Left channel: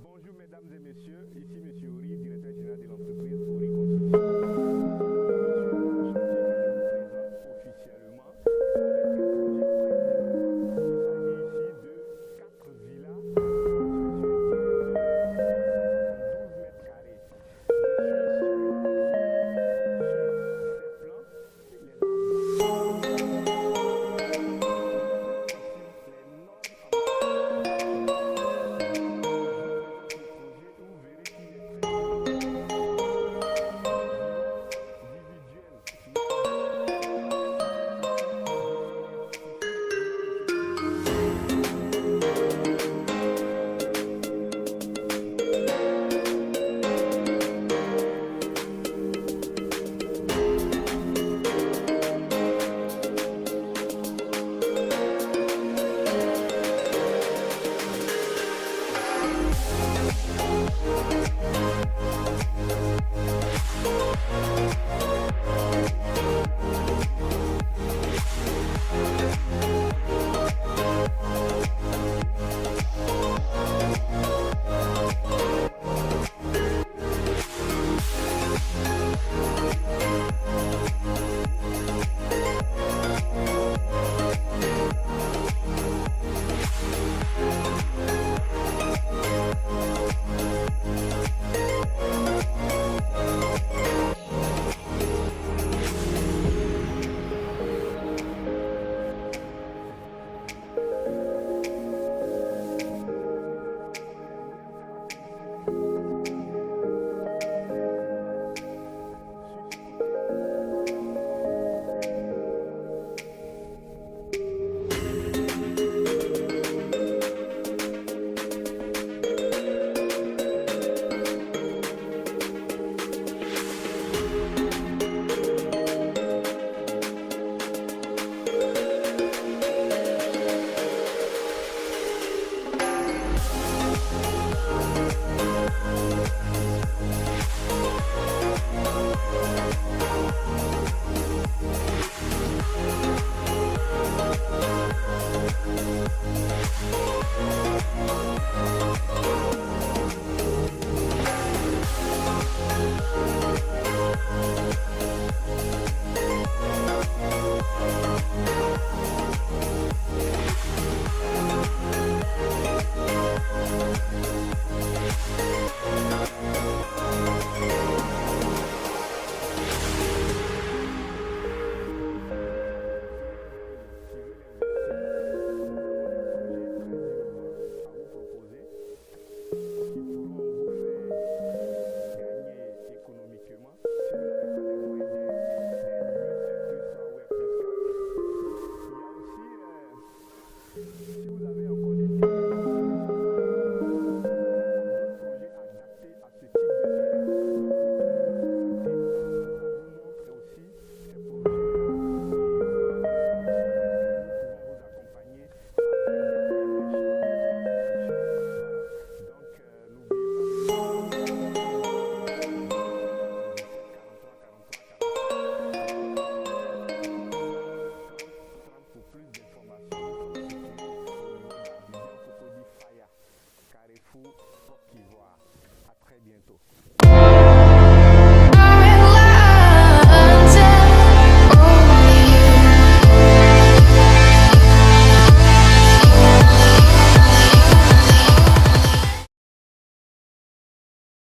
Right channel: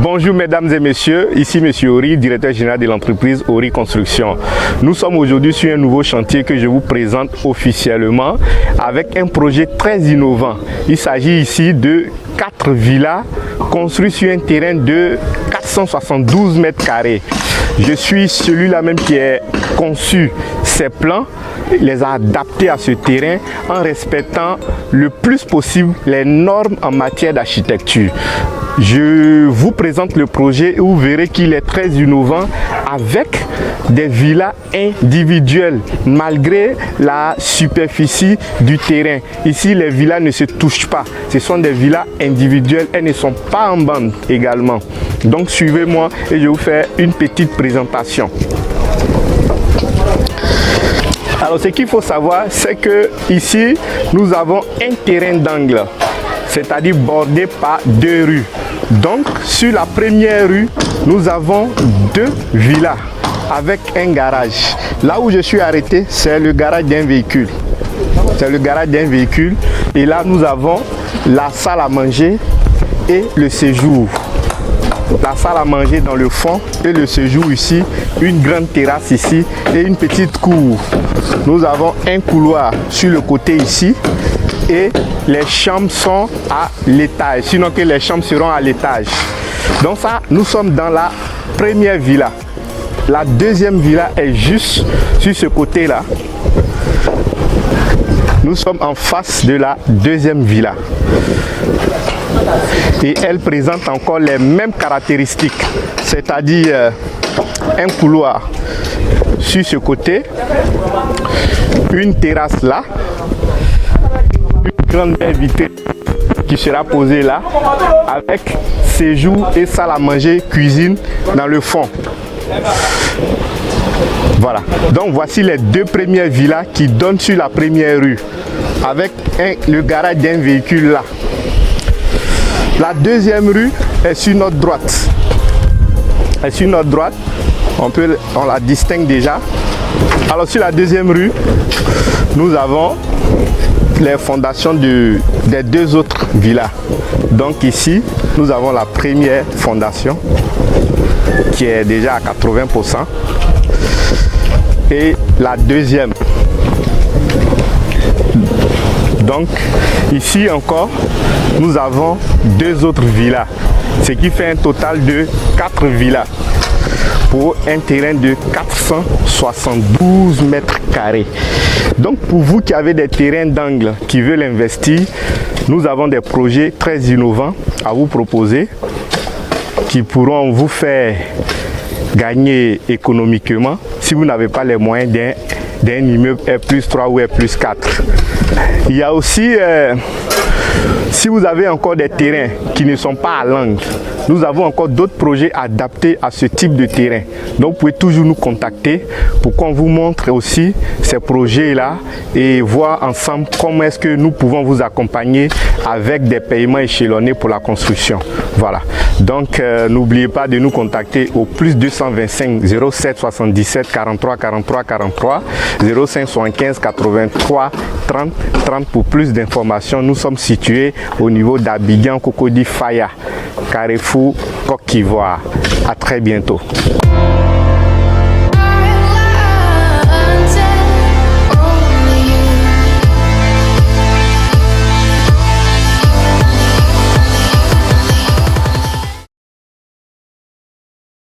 Bonjour mesdames et messieurs, ici Monsieur Ori, directeur général de l'entreprise Ori Construction. Nous sommes aujourd'hui sur un nouveau chantier que je vous présente officiellement avec un projet très innovant. Il s'agit ici de 4 villas construites sur un terrain de 472 mètres carrés. Je suis celui-là même qui a conçu ces plans, les a adaptés à ce terrain en respectant le plus possible les normes en matière d'architecture. Je vous présente le projet et vous verrez qu'il est très innovant avec des villas individuelles malgré la superficie du terrain. Ici, les villas ne se touchent pas. Ce sont des villas individuelles. Elles ne sont pas en bande également. Donc, suivez-moi et je vais vous faire une petite présentation. Alors, ce qu'il faut savoir, c'est que ici, nous avons un terrain d'angle, c'est-à-dire bordé par 2 rues. Donc, sur la première rue, nous avons 2 villas avec un garage. Là où je suis arrêté, c'est le garage d'un véhicule. C'est le garage d'un véhicule. Et là, nous avons la salle à manger et le séjour. La salle à manger dans le fond et le séjour ici, une grande terrasse ici et une petite cour. Nous avons un couloir sur le côté ici et les chambres sont à l'étage, sinon que les chambres seront à l'étage. Donc ça, nous sommes dans la première villa. La deuxième villa est juste sur ce côté-là. Nous sommes en face de la deuxième villa. Et elle présente encore les mêmes caractéristiques, c'est-à-dire un couloir sur ce côté, une terrasse là, une grande baie vitrée qui sera posée là, avec séjour et salle à manger, cuisine dans le fond. Voilà, donc voici les 2 premières villas qui donnent sur la première rue, avec le garage d'un véhicule là. La deuxième rue est sur notre droite. Et sur notre droite, on la distingue déjà. Alors sur la deuxième rue, nous avons les fondations des 2 autres villas. Donc ici, nous avons la première fondation qui est déjà à 80%. Et la deuxième. Donc ici encore, nous avons 2 autres villas, ce qui fait un total de 4 villas pour un terrain de 472 mètres carrés. Donc pour vous qui avez des terrains d'angle qui veulent investir, nous avons des projets très innovants à vous proposer qui pourront vous faire gagner économiquement si vous n'avez pas les moyens d'un immeuble R+3 ou R+4. Il y a aussi, si vous avez encore des terrains qui ne sont pas à l'angle, nous avons encore d'autres projets adaptés à ce type de terrain. Donc vous pouvez toujours nous contacter pour qu'on vous montre aussi ces projets-là et voir ensemble comment est-ce que nous pouvons vous accompagner avec des paiements échelonnés pour la construction. Voilà. Donc n'oubliez pas de nous contacter au +225 07 77 43 43 43 05 75 83 30 30 pour plus d'informations. Nous sommes situés au niveau d'Abidjan, Cocody, Faya, Carrefour, Côte d'Ivoire. À très bientôt.